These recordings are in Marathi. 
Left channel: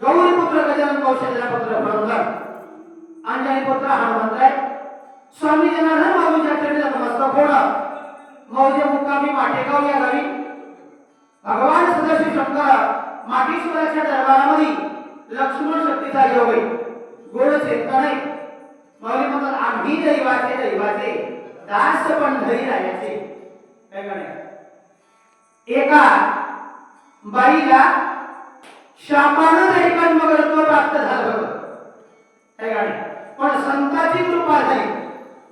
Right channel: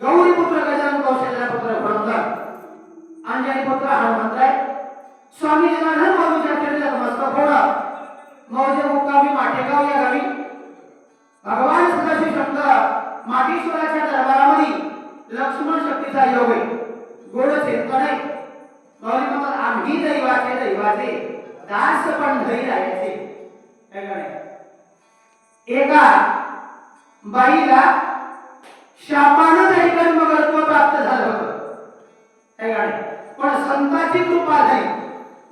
गौरीपुत्र गजानन कौशल्यपुत्र पुरंदर अंजनीपुत्र हनुमंतराय स्वामी जनार्दन बाबूच्या चरणात मस्तक होणं मौजे मुक्कामी माटेगाव या गावी भगवान सदाशिव शंकर माटेश्वराच्या दरबारामध्ये लक्ष्मण शक्तीचा योग आहे गोड चेतन आहे माऊली म्हणतात आम्ही दैवाचे दास पण घरी राहायचे एका बाईला शापानं दैवमगत्व प्राप्त झालं होतं पण संतांची कृपा झाली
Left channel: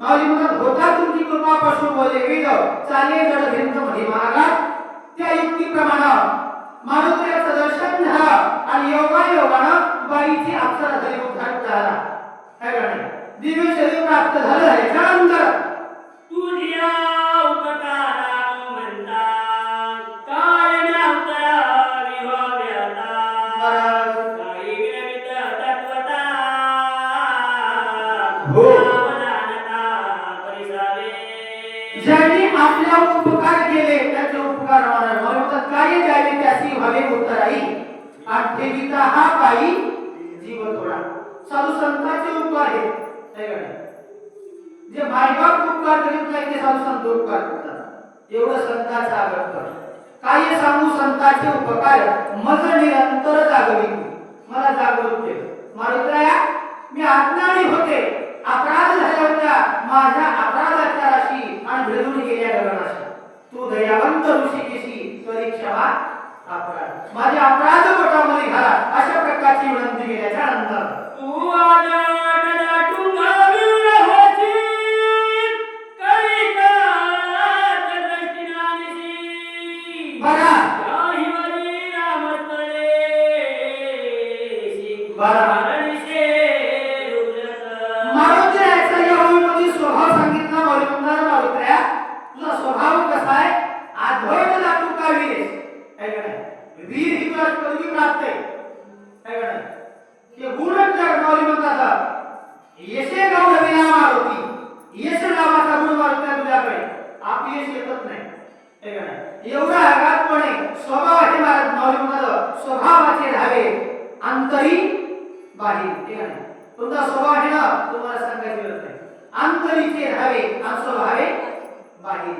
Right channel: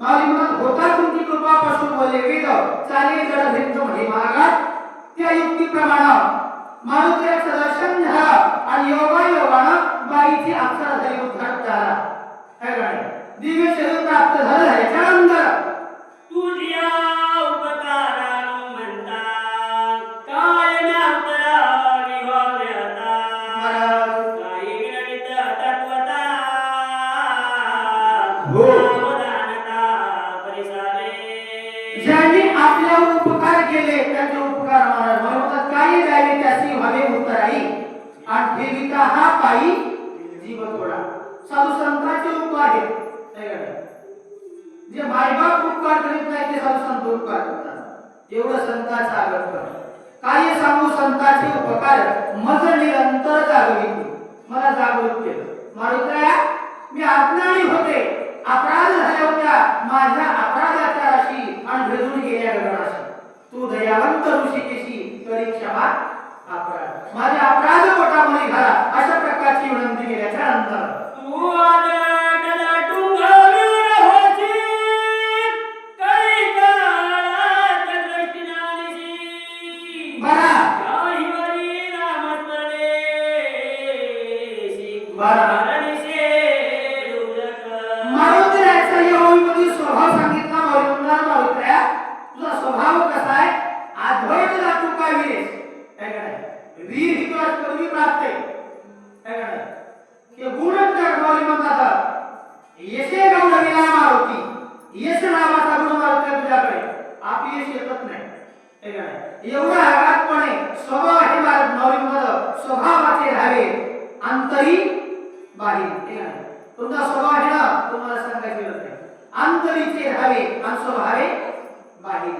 माऊली म्हणतात होता तुमची कृपा पासून बोले वेद चाले जड भिंत महागात त्या युक्तीप्रमाणे मारुतीचं दर्शन झालं आणि योगानं बाईची अक्षर झाली उद्धार झाला दिव्य शरीर प्राप्त झालं ह्याच्यानंतर तुझ्या उपकारानु म्हणता काय नव्हता विभाव्याता काही विनवित तत्वता वदानता परिसावे ज्यांनी आपल्या उपकार केले त्याचे उपकार म्हणतात काही द्यावे त्याची भावे उत्तराई आणि ठेविता हा पायी जीव थोडा साधू संतांचे उपकार आहेत जे मायबाप उपकार करीत नाही ते साधू संत उपकार करतात एवढं संतांचा आदर कर काय सांगू संतांचे उपकार मज निरंतर जागवी मला जागृत केलं मारुतया मी अज्ञानी होते अपराध झाल्या होत्या माझ्या अपराधाच्या राशी आणि भेदून गेल्या गगनाशी तू दयावंत ऋषिकेशी करी क्षमा अपराध माझ्या अपराध पोटामध्ये घाला अशा प्रकारची विनंती केल्याच्या नंतर तू एवढा आघातपणे स्वभाव हे महाराज माऊली म्हणतात स्वभावाचे राहावे अंतरी बाहेर तुमचा स्वभाव आहे ना तुम्हाला सांगायची गरज नाही अंतरीचे राहावे आणि स्वभावे बाहेर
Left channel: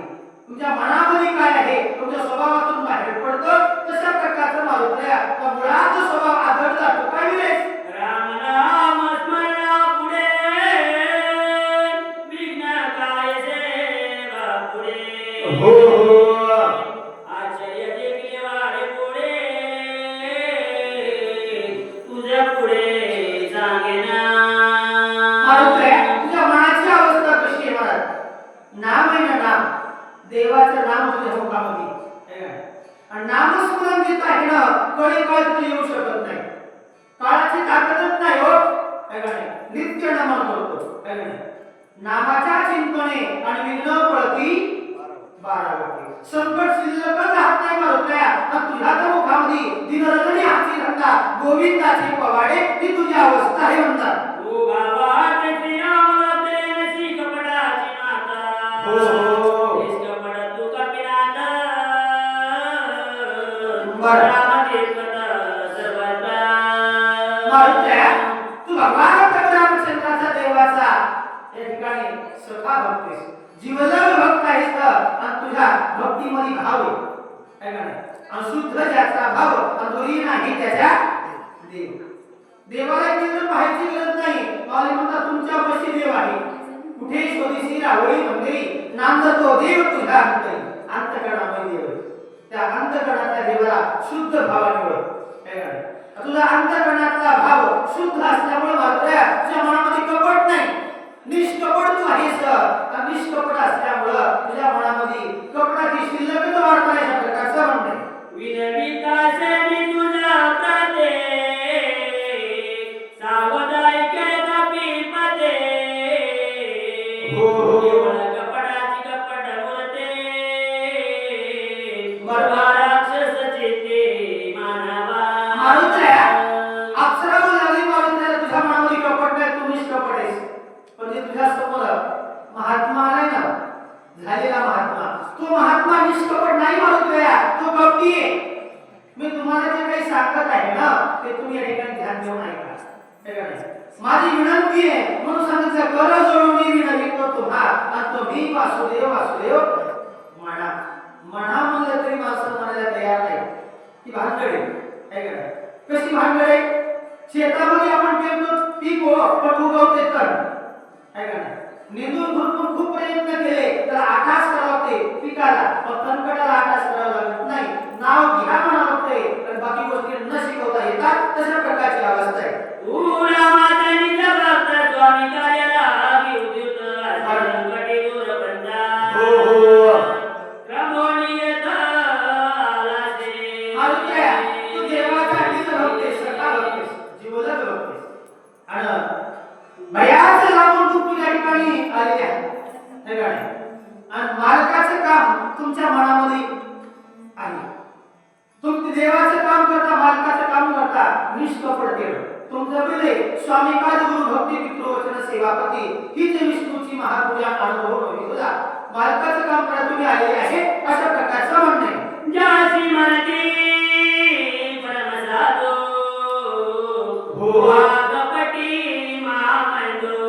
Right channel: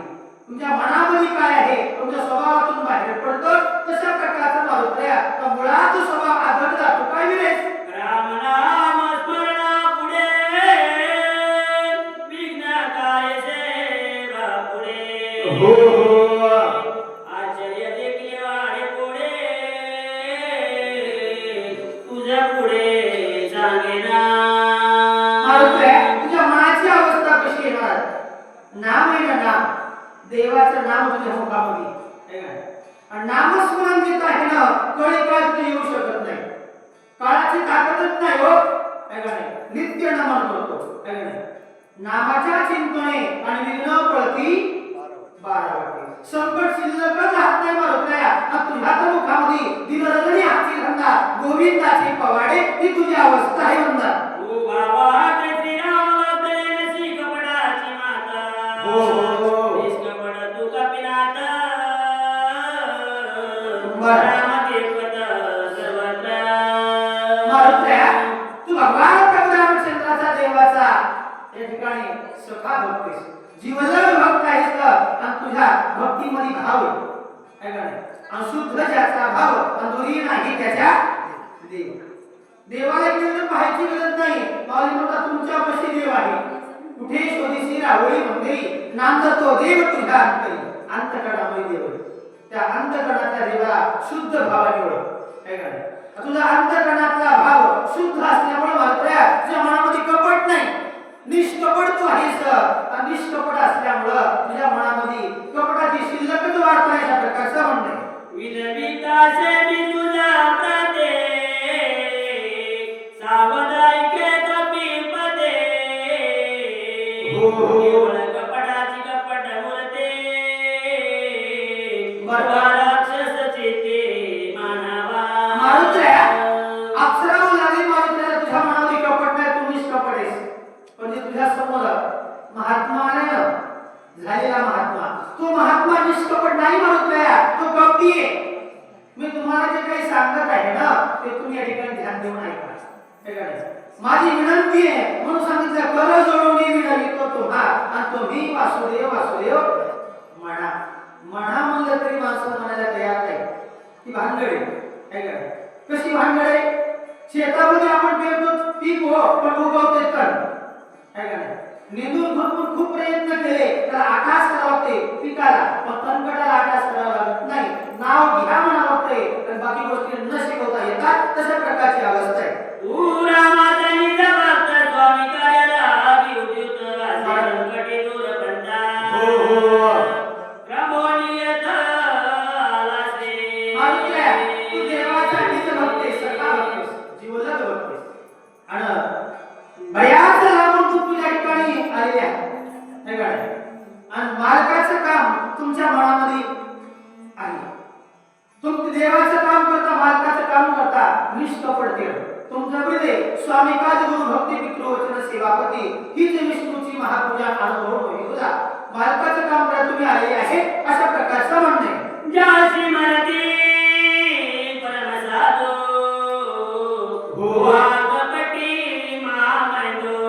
तुमच्या मनामध्ये काय आहे तुमच्या स्वभावातून बाहेर पडतो तशा प्रकारचं मारुत्या मुळात स्वभाव आदर जातो काय विरेश राम नाम स्मरणा पुढे विघ्न काय सेवा पुढे हो आश्चर्य देखील वाढे पुढे तुझ्या पुढे सांगेना मारुत्या तुझ्या मनाची अवस्था कशी आहे महाराज नाम आहे ना नाम देवाचं नाम तुझ्या मुखामध्ये आणि नामस्मरण जिथं आहे ना कधी काय तुला येऊ शकत नाही काळाची ताकदच नाही हो नित्य नमन करतो नामाच्या चिंतने आणि विघ्न प्रती 12 वाटे संकट शिल्लकच राहत नाही मारुत्या तुझ्या तर मुखामध्ये दिनरजनी हाती घंटा गोविंदाची पवाडे ही तुझी अवस्था आहे म्हणतात तू बाबा ते रामला देशी कपडाची माता हो देश कपडा तू कपिनाथ बरं रामदेवत सर्वत्र मारुत्या तू भगवान रामचंद्राचा देवाचा या ठिकाणी सखा भक्त आहेस जीवलग भक्त आहेस आणि तुझ्या भक्तीमध्ये भाव आहे आणि शुद्ध ज्याचा भाव अधुरी नाही त्याच्या देव देवाला केवळ पाहायची गरज नाही माऊली म्हणतात तुमच्या पशी देव आहे कुठे शोधीसी रावळी मंदिरी नांद तो देव तुझ्या अंतरी अंतकरणामध्ये देव त्या अंतकरणातल्या देवाला शुद्ध भावाने ओळख तुझा अंतकरणातला भाव शुद्ध असल्यामुळे मारुत्या तुझ्या मनामध्ये कपट नाही निष्कपट तू आहेस आणि निष्कपट असल्यामुळं तुझ्या मनामध्ये कपटाची शिल्लकच वाढत नाही अशा प्रकारचं म्हणणं विनवितासे मी तुझा प्रते सावधायके तपी पदे केवळ कपटाची कपट मुरते राक्षस चित्ते मानवा मारुत्या अप्सरा लागली मारुत्या तुझ्या मनामध्ये कपट नाही तू निष्कपट आहेस पण तुझ्या समोर महात्मा आलाय ना झालेला महात्मा तो महात्मा निष्कपट नाही मारुत्या तो भक्ती आहे घेऊन ऐका. हे का नाही? माझी विनंती आहे म्हणून सांगितलं, कर जोडून मी विनवितो तुम्हा आणि तुम्ही वासुदेव वासुदेव म्हणा. म्हणा म्हणलं तरी माणसं म्हणायला तयार नाही. ती भानगड आहे. हे का नाही? कशी भानगड आहे? शेतामध्ये आपण पेरतो पीक हो पण उगवते तर, है का नाही? निंदून खुरपून खूप प्रयत्न केले त्याला आकाश करावं लागते पिकाला, पण तणकटाला आकाश करावं लागत नाही. नाव घ्या म्हणावं लागते पण बाकी गोष्टी न शिकवता येतात. तशा प्रकारची अवस्था आहे. स्वामी कार्याला विद्युत संकटे दूर बंदा. क्रमोनियत आलासे. मारुत्या, तू देवाचा नीत भक्तेस, सखा भक्तेस, जीवलग भक्तेस. आणि बऱ्याच लांबून तू तुझ्या ठिकाणी आलेले आहे. हे का नाही? आणि मालकाचं काम तुमच्या मनामध्ये आहे. तुम्ही देवाचं काम करता, मालकाचं काम करता निष्कपट केलं. तुमचं बिले स्वामी पाद गुरु भक्ती पितृ वचन सेवापती हीच विष्णूची महापूजा अनुभव होईल तुला. मालकाचं काम करा तुम्ही आलेले आहे अशा प्रकारचं म्हणणे. ज्याशी म्हणती परमसाधू वाकपटी मामंदो.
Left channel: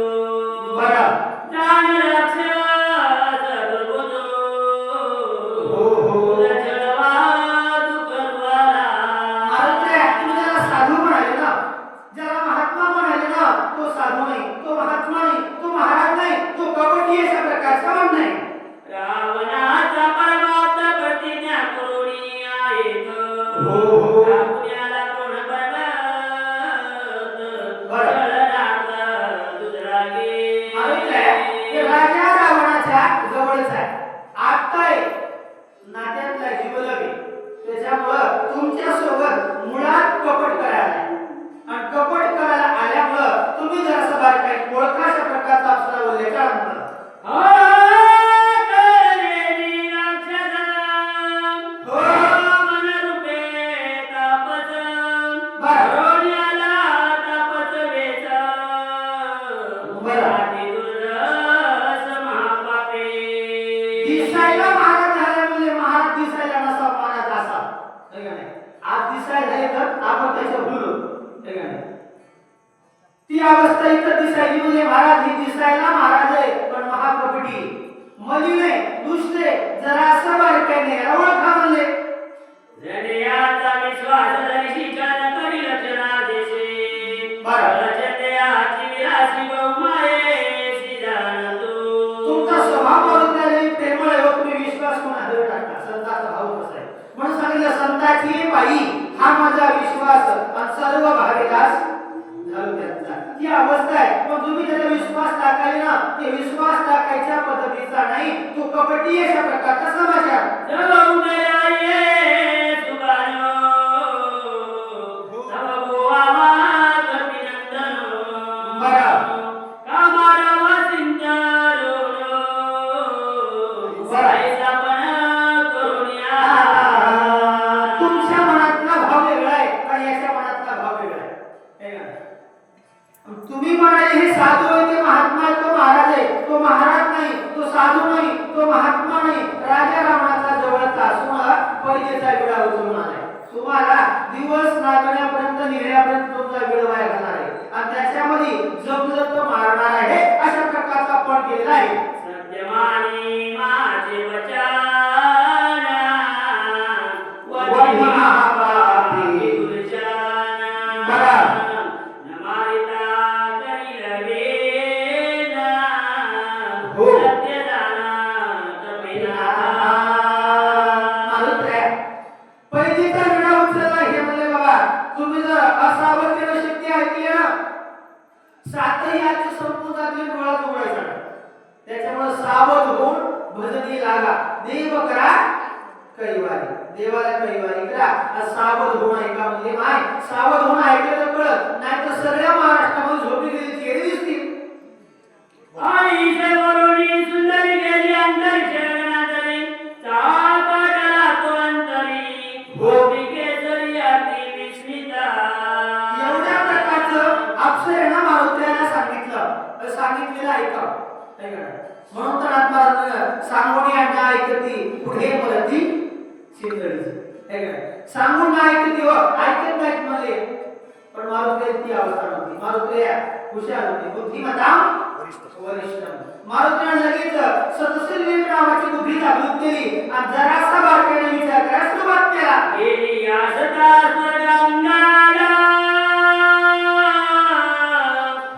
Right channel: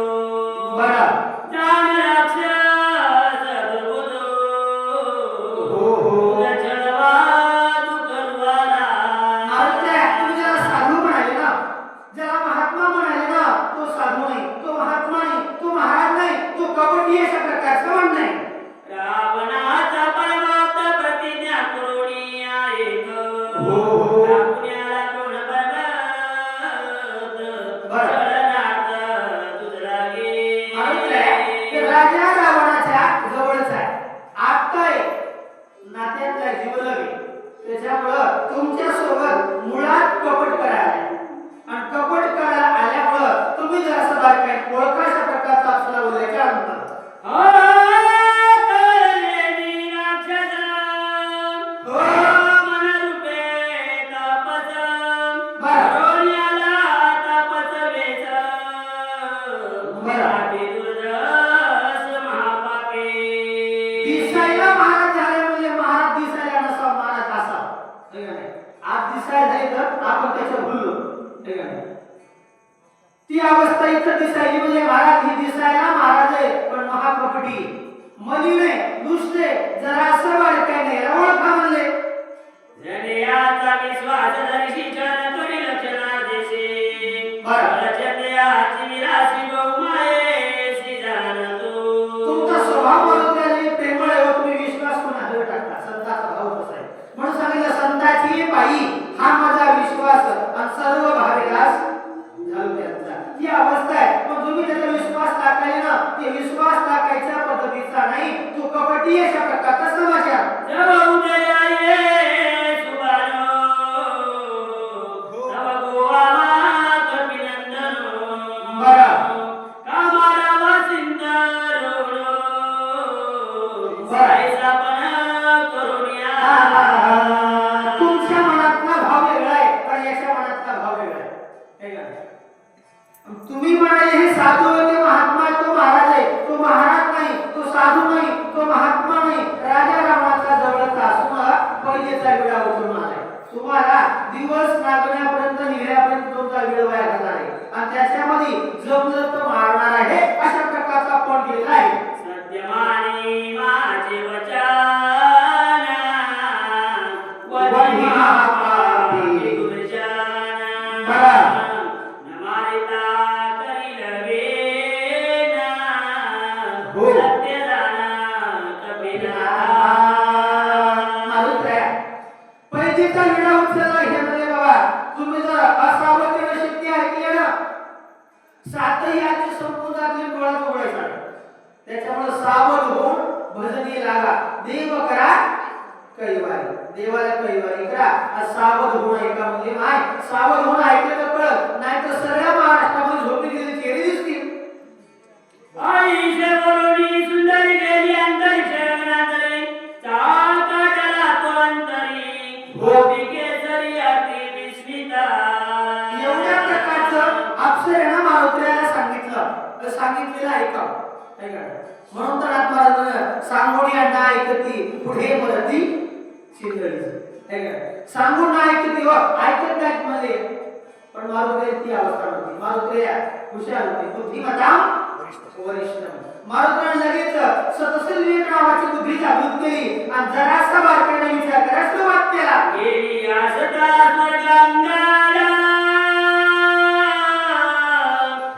बरं. दान राक्षस दुर्बोधो. उदचलवा दुर्वाला. मारुत्या, तुम्ही ज्याला साधू म्हणाले ना, ज्याला महात्मा म्हणाले ना, तो साधू नाही, तो महात्मा नाही, तो महाराज नाही, तो कपटी अशा प्रकारचं म्हणणं आहे. रावणाचा परमार्थ प्रतिज्ञा करुणी ऐक. आपल्याला कोण बरबाद छळणात दुसरा गे. मारुत्या, हे राजा रावणाच्या जवळच आहे. आत्ताय नात्यातला जीवलग आहे. त्याच्यामुळं तुमच्या सोबत मुळात कपट करायला आहे. आणि कपट करायला आल्यामुळं तुम्ही जरासं बारकाई ओळखा अशा प्रकारचा आपला उल्लेख म्हणतात. दिसायला महाराज झाले म्हणजे महाराज दिसायला नसावा, महाराज असा. हे का नाही? आज दिसायला झाले तर आपण त्याच्यावर भुललो. हे का नाही? ती अवस्था इथं दिसायली म्हणजे महाराज ही दिसायला महाराज आहे पण महाप्रकटी मलिने दुसरे जरा असं बारकाय नाही याला ओळखा म्हणले. जनेयाचा विश्वास धरिशी जन करी लक्षणा देशे. बरं. रचत्याची विरासी बहुमायेसी जाणतो. तुमचा स्वभाव बदललेली प्रेमळ आहे. तुम्ही विश्वास कोणावर टाकता? संताचा भाव कसा आहे म्हणून सांगितलं, संताची पायी हा माझा विश्वास आणि सर्व भाविकास घालून त्यांचा. ही अवस्था आहे. पण तुम्ही त्याचा विश्वास टाकायला ना, ते विश्वास टाकायच्या पद्धतीचा नाही, तो कपटी अशा प्रकारचा समाचार. जब उदयाये सुबानो. तब गोवामा कपिनंदनो. बरं. कामारावा सिंदरोनो. सायसा पण करुणिया. तुमच्या मनातला भाव वेगळा आहे का याच्या मनातला भाव वेगळा आहे? हे का? तुम्ही म्हणाले हे साधू आहे, ते महात्मा आहे, तो महाराज आहे. तो महाराज नाही, तो साधू नाही, तो महात्मा नाही. राजा रावणाचा जवळचा असून परिचयाचा विडा उचलून आलाय. तुम्हाला दिवस नागण्यापर्यंत निघण्यापर्यंत तुमचा वेळ वाया घालणार आहे आणि त्याच्यामध्ये जमलं तर मारणार आहे अशा प्रकारचा पण केलेला आहे. सत्यमानी माझे वचन. वही महापापी. दुर्जन. बरं. नमारिता करील वेना. हो. सत्य जाना कपिना. मारुत्या, पैकीचा विडा उचलला हे म्हणजे बाबा तुम्ही जर असावतेनं शक्ती ऐकली ना, सातही आजच्या संपूर्णातले डोळ्यात उघडायचा. त्याच्यामुळे सावध होऊन भजनी लागा. देव करा कैवारी, देवाला कैवारी करा. सावध होऊन ऐका म्हणजे माय सावध होऊन ऐकलं कळत नाही तर सगळ्या महाराष्ट्रामध्ये झोपी गेली चेहरे दिसतील. आई शेवरोनी सुंदरी गेली अंतरिक्षणातरी. चाकाटाला तो अंतरी. गोपिके जरी अति विस्मिता. एवढ्या प्रकारचं अक्षर आहे ना मारुत्र्याला सांगितलेलं ऐका. म्हणून तर आत्मारात सांगोनी अण्णा ऐकती पुढे मरती शिंदळी. सांगून ना ऐकते व ऐकत नाहीत मध्ये पण मारुत्र्याची अवस्था होती. मारुत्र्या हुशार होती. बुद्धिमताम वरिष्ठ. मारुतीने लगेच सतसल्ली नावाची बुद्धी जागृत केली आणि जरासा बारकाईने विचार करायला सुरुवात केला. गेली आसटा स्वर्गांगाला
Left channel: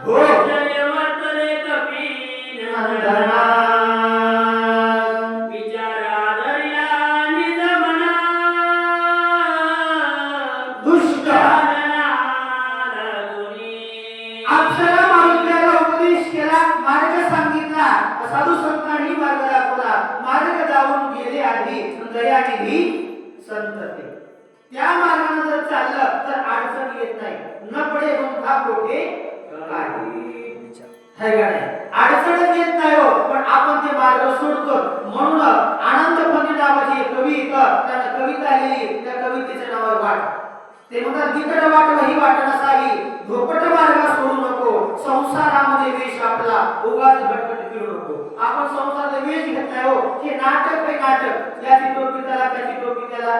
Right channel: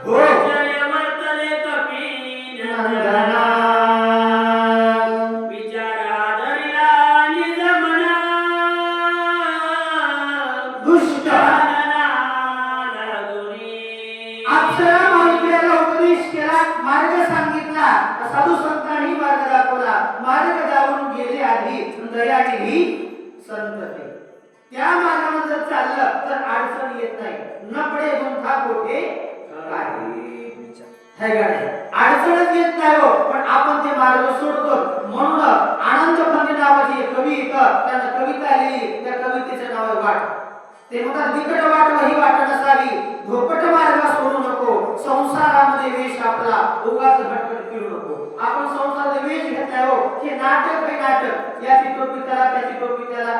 होय. जयवतले कपील नंदना. विचार आदरिला निजमना दुष्ट. अप्सरा मारुतीला उपदेश केला, मार्ग सांगितला, साधू संतांनी मार्ग दाखवला. मार्ग जाऊन गेले आधी दयानिधी संत ते. त्या मार्गाने जर चाललं तर अडचण येत नाही. न पडे गुंठा कोठे काही. है का नाही? अडचणच येत नाही हो, पण आपण ते मार्ग सोडतो. म्हणून आनंद पंडित नावाची एक कवी येतं, त्यानं कविता लिहिली. त्या कवितेचं नाव आहे वाट. ते म्हणतात तिकट वाट वही वाट नसावी, धोपट मार्ग सोडू नको, संसारामध्ये वेश आपला उगाच भटकट फिरू नको. आपण संसारात वेश घेतलाय हो, हे नाटक आहे नाटक. याची टोपी त्याला, त्याची टोपी त्याला,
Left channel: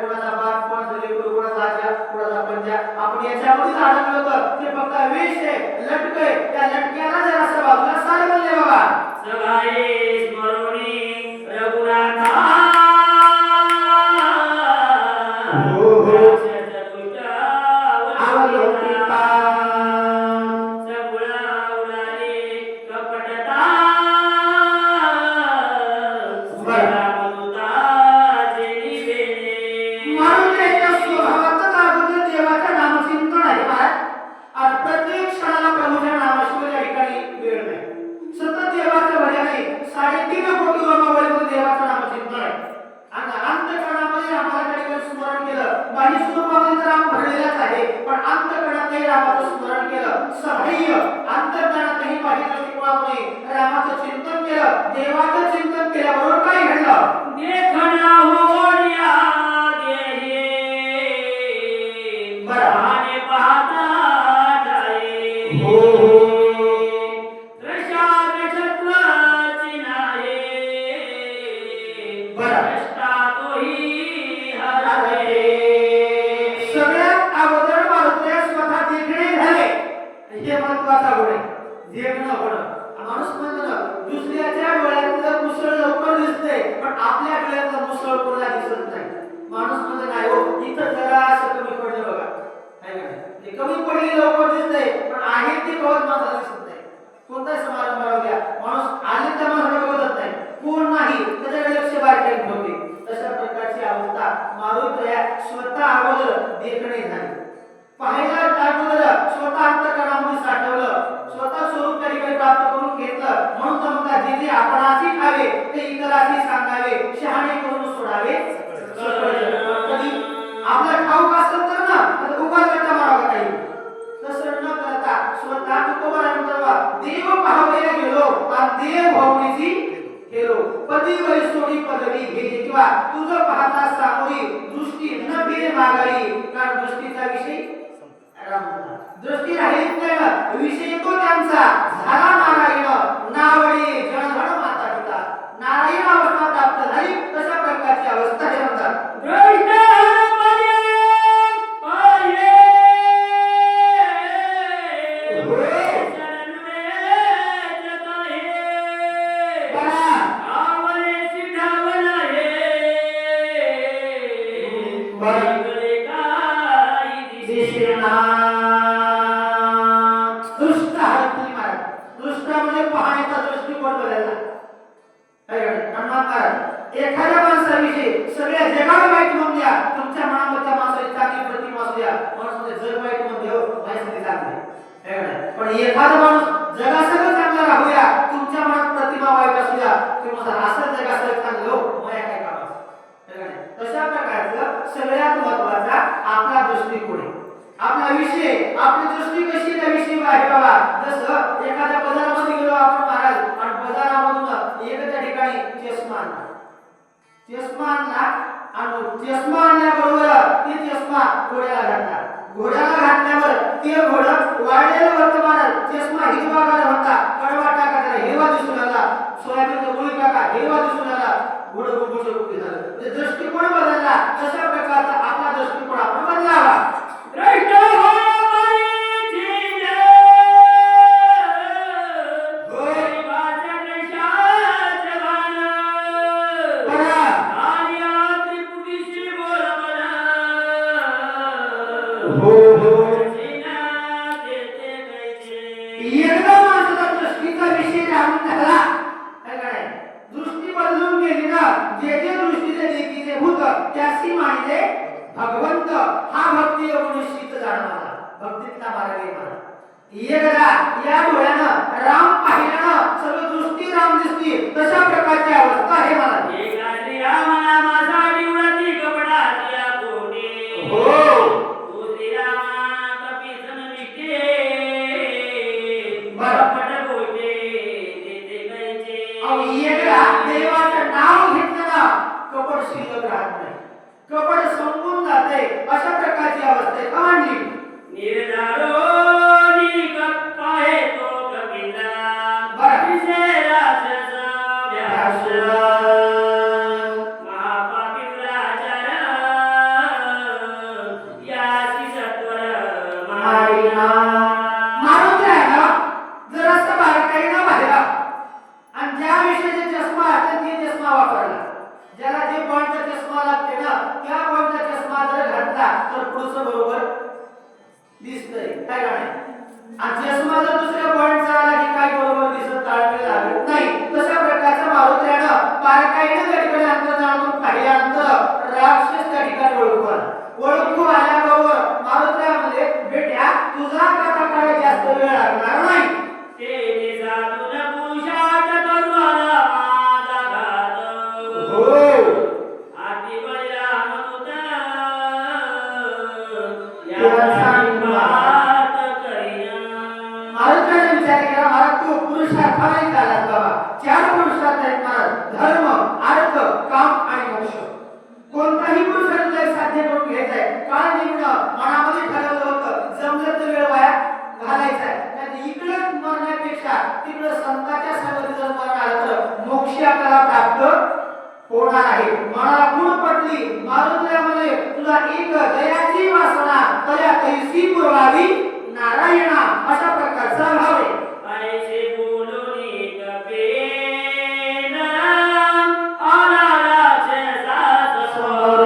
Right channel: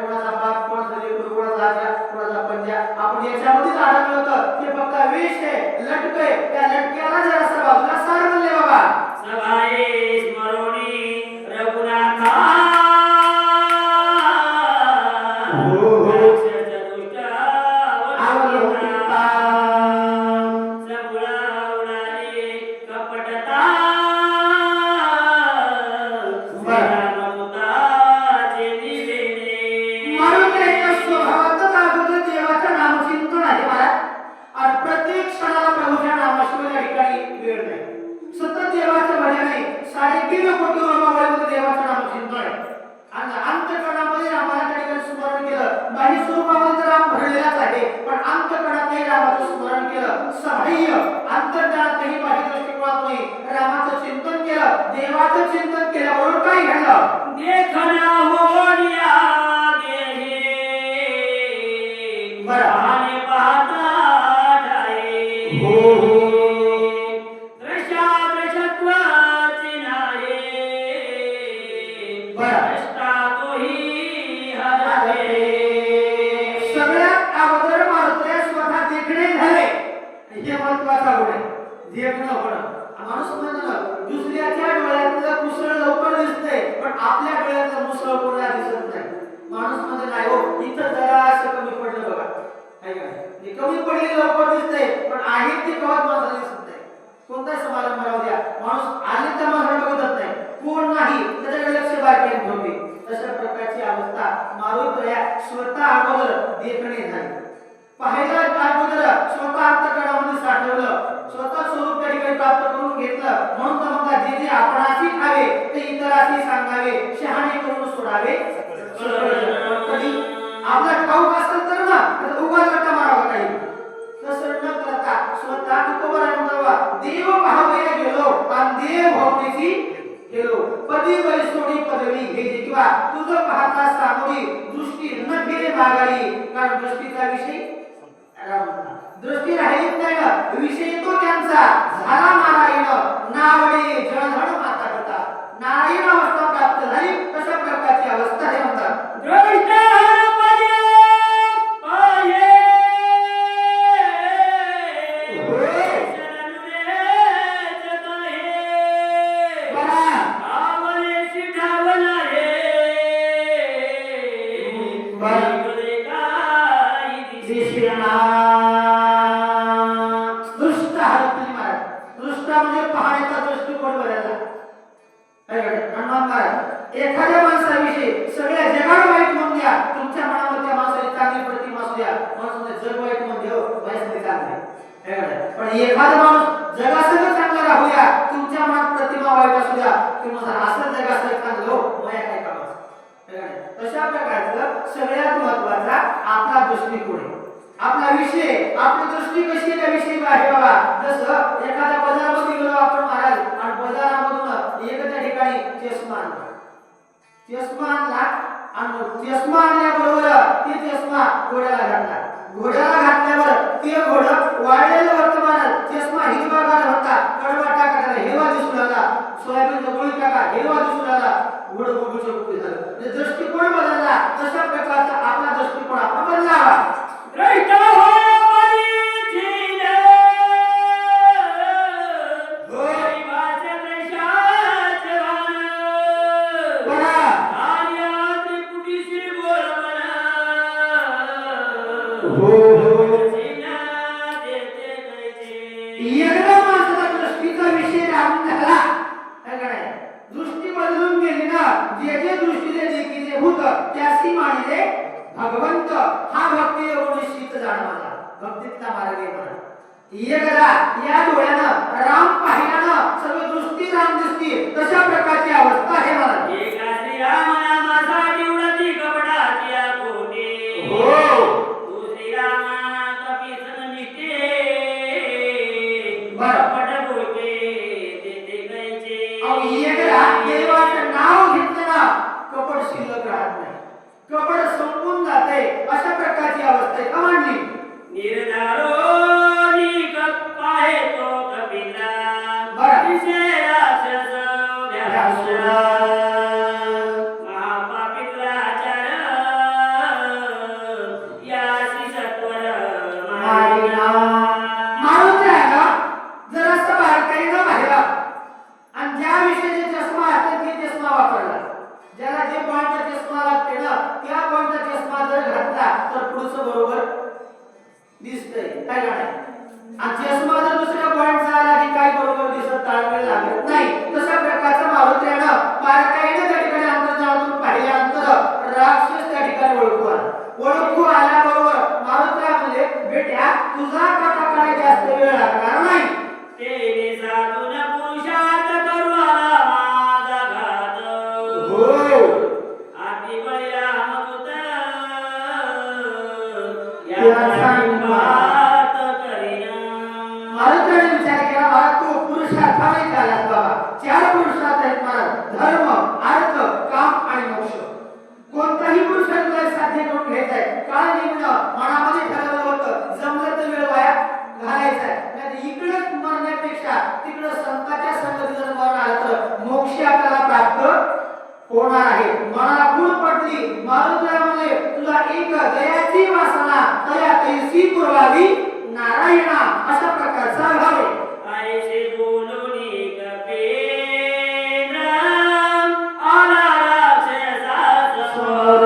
कोणाचा बाप, कोणाचा लेकरू, कोणाचा आजा, कोणाचा पंजा. आपण याच्यामध्येच अडकलो तर ते फक्त वेश आहे, लटक आहे. त्या लटक्याला जर असं बाजूला सार म्हणले बाबा. सभाये स्मरोणी रघुनाथा हो हो. रामाचं चिंतन केलं, देवाचं चिंतन केल्याबरोबर काय घडलं? देखना होनिया गेहे बराने पाहता जाए हो. दृशादृशत्वाची नाही बरं. तोही हरले. सगळ्यात अगोदर मारुतीला स्वतः देखणे झाले. हे महत्वाचा गुण आहे. देखणं होणं. माणूस म्हणतो दुसऱ्याच्या डोळ्यातलं मुसळ लवकर दिसते, पण आपल्या डोळ्यातलं मुसळ कोणा दिसत नाही. माणूस म्हणजे नाही हो, इथं जरा असं कमी पडलं बघा, आहे का नाही? कमी पडली लवकर दिसते, पण आहे ते कवच माणसाला दिसत नाही. कोणताही समारंभ राहू द्या, माणूस आले तर माणसाला बघत नाही, कोण नाही त्याच्याकडे लक्ष बाहेर ठेवते. तशा प्रकारची अवस्था मारुतीला स्वतः अगोदर देखणे झाली. पाहायला अगोदर स्वतः अंतःकरणामध्ये साठवलं, स्वतः स्वरूप त्या ठिकाणी प्राप्त करून घेतलं. म्हणून तर म्हणतात जे जे आपणाशी खावे ते इतराशी सांगावे, शहाणे करून सोडावे कधी. आपला ठाऊक असतं तर ना तर उगाच गट्टा मारावा काही. तसं न करता स्वतः तुकोबराने म्हणावा, देव पाहावया गेलो आणि देव भावनेची गेलो. पदी वैसोडी पदवी घे किंवा तुझं पाहता सामोरी दृष्टी न फिरे मागारी. कारण दृष्टीचा विषय दृष्टी राहिलीच नाही ना, विषय तो त्यांचा झाला नारायण. नावडी जळधळ माता पिता, नारायण अवस्था प्राप्त झाली. तशा प्रकारची अवस्था हे म्हणतात. एखाद्या माणसाविषयी सगळ्या जगाला वाईट म्हणून द्या, तुमच्या मनामध्ये माणसाची चांगली प्रतिमा असू द्या, माणसाचे जग वाईट म्हणून देऊ, माझ्यासाठी चांगले. पण एखादा माणूस जगासह चांगला राहू द्या, तुमच्या मनात प्रतिमा वाईट असू द्या, किंवा असं जगासह चांगलं हो, माझ्या काय कामाचं. तशा प्रकारचं सगळ्यात महत्वाचा आपला दृष्टिकोन आहे, आपला विषय, आपली दृष्टी कशी त्या विषयी आहे बाबा. जसं एखाद्या बाजारामध्ये गेलो आपण महाराज आणि बाजारामधून एक त्या ठिकाणी चष्मा आणला. चष्मा आणला आणि चष्मा आणल्याबरोबर ते चष्मा घोड्याला घातला. घोड्याला घातल्यावर ते घोडं वाळलेलं वर्तमान चष्मा हिरवा होता, कडवा टाका त्याला हिरवा दिसू लागला, सोयाबीनचा गोळी टाका हिरवा दिसू लागला, घोडं गुळगुळीचं रूप झालं. ते दृष्टिकोन बदलला. तशा प्रकारचा आपला दृष्टिकोन आपण बदलावा. दृष्ट हो भक्तीतला मार्ग आहे मला. एकदा या डोळ्यानं राम पाहिल्यानं सगळी दृष्टी राम दिसती तशा प्रकारची अवस्था आहे मला. एका श्रीराम नामासाठी व्रती कपडाची आकोटे. हो. तू श्रीराम कपीसन निष्ठे. बरं. कपट गोटे देते कैचे. अहो, एकदा देवाचं नाव घेतलं ना कपट शिल्लक राहत नाही, कपट संपून जाते. अशा प्रकारची अवस्था आहे का मांडली. निर्धारो निकपाहे तो कपिला. बरं. विषय राक्षस व्यास. महापापित्राचार यासी सत्वर मारिना. मारून द्यायला जरासं बारकाईनं पाहिला आणि ज्या विषयीचे चष्मा असतात ते चष्मा वापरला. ज्याला जे पॉईंटचा चष्मा लागते ना त्या पॉईंटचा चष्मा जर घातला तर पुढचं बरोबर दिसतंय काय का नाही. आणि चष्मा जर दुसऱ्या पॉईंटचा आला की काय बरोबर दिसत ताळमेळ लागत नाही. तशा प्रकारचं मारुत्यानं बारकाईनं त्या ठिकाणी अंतर्जाळातून पाहिल्यानंतर राक्षस त्या ठिकाणी ओळखू आला. ओळखू आल्याबरोबर मारुत्या म्हणजे बेट्या तुझा काटा जास्त वेळ लागणार नाही. तेने साधून पुरुषार्थ करू आला माझा घात. हो. आती बळीराम याचा बात करीना. मारुत्याने विचार केला मला तो पुरुषार्थ नाही झाला बाबा. 4 पुरुषार्थ आहेत मला, धर्म अर्थ काम आणि मोक्ष. कोणताही पुरुषार्थ साध्य करून घ्यायचा आहे. काय नेमणं मनामध्ये ठरवलं होतं जमलं तर वेळ वाया घालायचा आहे. नाही इकडं मरण्यापेक्षा तिकडं संतांच्या संगती जर मरण आलं तर मोक्ष आपल्याला प्राप्त होणार आहे. मला गुण पटली मारुत्यामध्ये तुला एक दयाची वासना तया तैसी पुरवावी नारायणा. अशा प्रकारचा भाव आहे. ऐसे बोलूनी कपेन आला राक्षसाचा समोर.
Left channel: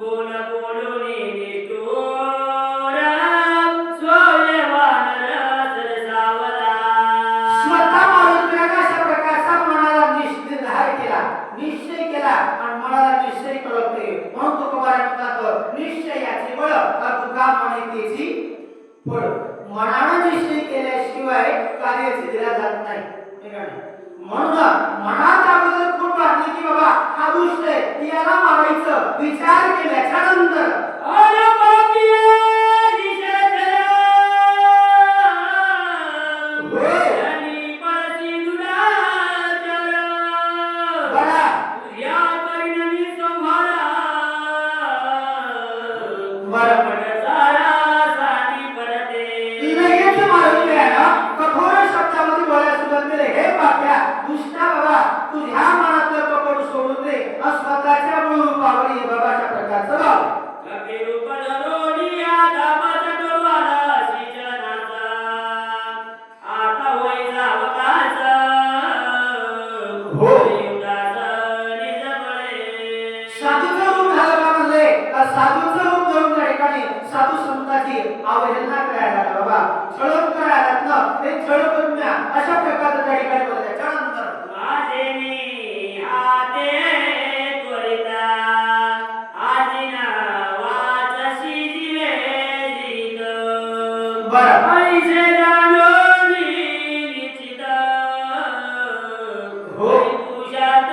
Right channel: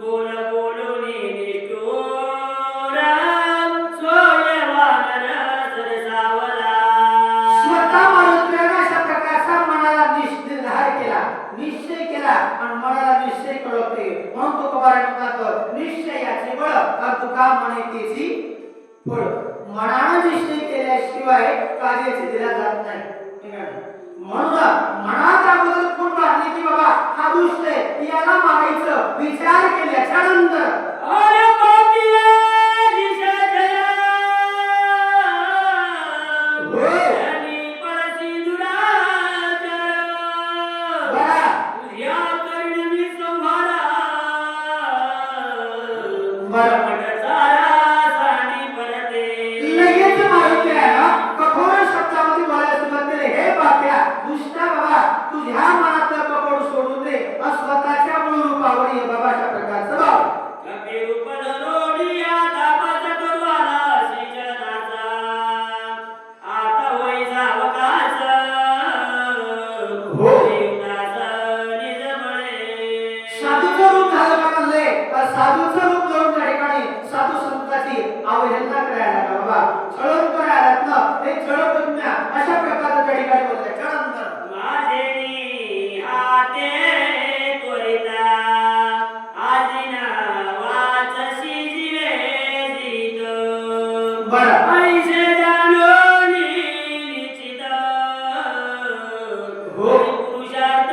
बोल बोलूनी निष्ठुर सोयवान रसरसावला. स्वतः मारुत्याने अशा प्रकारचा मनाला निर्धार केला, निश्चय केला आणि मनाला निश्चय कळते. म्हणून तुकोबाराय म्हणतात निश्चयाचे बळ तुका म्हणे तेची फळ. मनानं निश्चय केल्याशिवाय कार्य सिद्धीला जात नाही. ठीक आहे. म्हणून मनात अगोदर खूप वाटले की बाबा हा दुष्ट आहे याला मारायचं. विचार केल्याच्या नंतर अरे पापिये दिशा जनी पळती दुराचार. बरा या परिणमी संहारा. बरं. जगतारा सानी परते. लगेच मारुत्याला कठोर शब्दामध्ये बोलायला सुरुवात केली. हे पाप्या दुष्टा बाबा तुझ्या मनातलं कपट सोडून दे आणि स्वतःच्या मूळ रूपावर ये बाबाच्या प्रकारचं भाव. कपिरूप धरोडी आता पद करू आला श्रीजनाचा. आता होई जावकाचा. हो. देवदास निजबळे. साधूचं रूप झालं का म्हणले साधूचं रूप धरून त्या ठिकाणी साधू संतांची अवहेलना करायला लागला बाबा. छळण करायला ना हे छळ करून द्या अशा प्रकारचं त्या ठिकाणी बोलले. त्यानंतर माझेनी हाते त्वरिता. आजीना वाचशी दिले जीत. बरं. ऐसे जाणोनी निश्चित. हो. पुरुषार्थ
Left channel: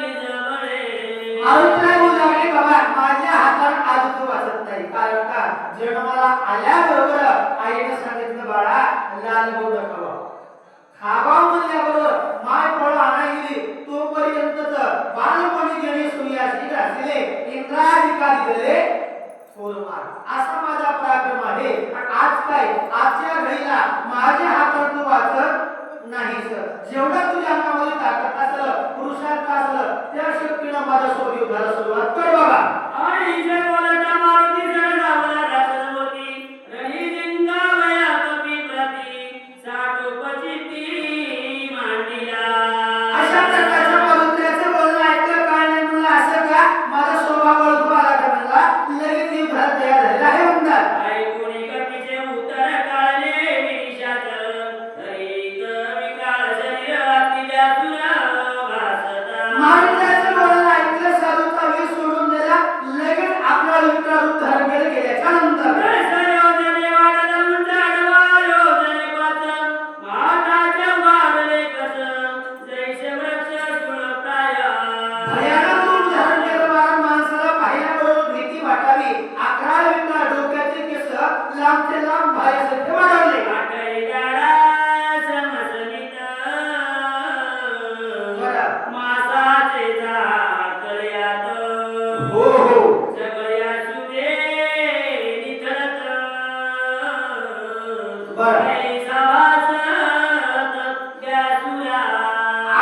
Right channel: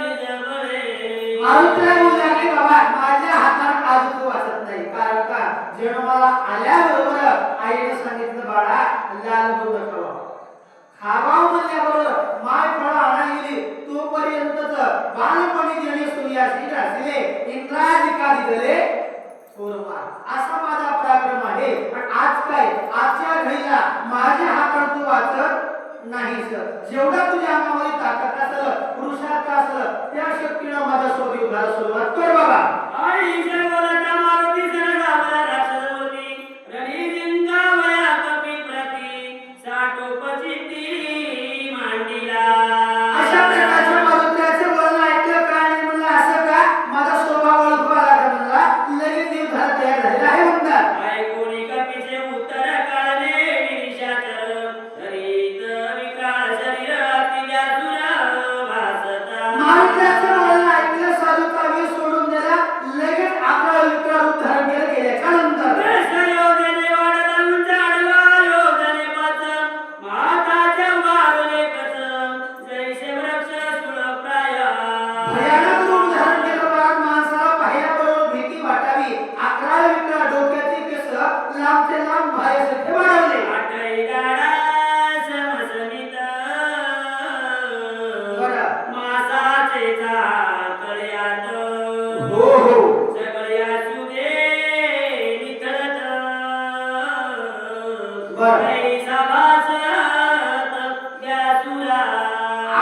निजबळे. मारुतीला बोलू लागले बाबा माझ्या हातात आज तू वाचत नाही. कारण का जन्माला आल्याबरोबर आईने सांगितलं बाळा लाल गोड खावा. खावा म्हणल्याबरोबर माय फळ आणायली तोपर्यंतच बालपणी गेली सूर्याशी असले इंद्राजिकाली गले कोरमार. असा माझा पराक्रम आहे. पण आज काय आजच्या घडीला माझ्या हातात तू वाचत नाही सर. जेवढा तुझ्या अंगामध्ये ताकद असेल पुरुषार्थ असेल त्या शक्तीनं माझ्यासोबत युद्धाला सुरुवात कर बाबा. ऐसे बोलता मारुती सरसावला राक्षसमूर्ती. रणी लिंगावया कपिप्रती. साठोपचित्ती मांडिला. अशा प्रकारच्या मारुत्याचं बोलणं ऐकलं का आणि म्हणलं असं का माझा स्वभाव ओळखू आला तर म्हणला लगेच युद्धाला तयार झालेला आहे म्हणतात. ऐकुनी कपीचे उत्तर काढले निशाचर. धरीत विकाळ शरीरातिल्या तुला भासता. मारुत्याचं बोलणं ऐकलं साधूचा वेश सोडून दिला लगेच आपला बरं. ऐसा वासत व्यासुरा.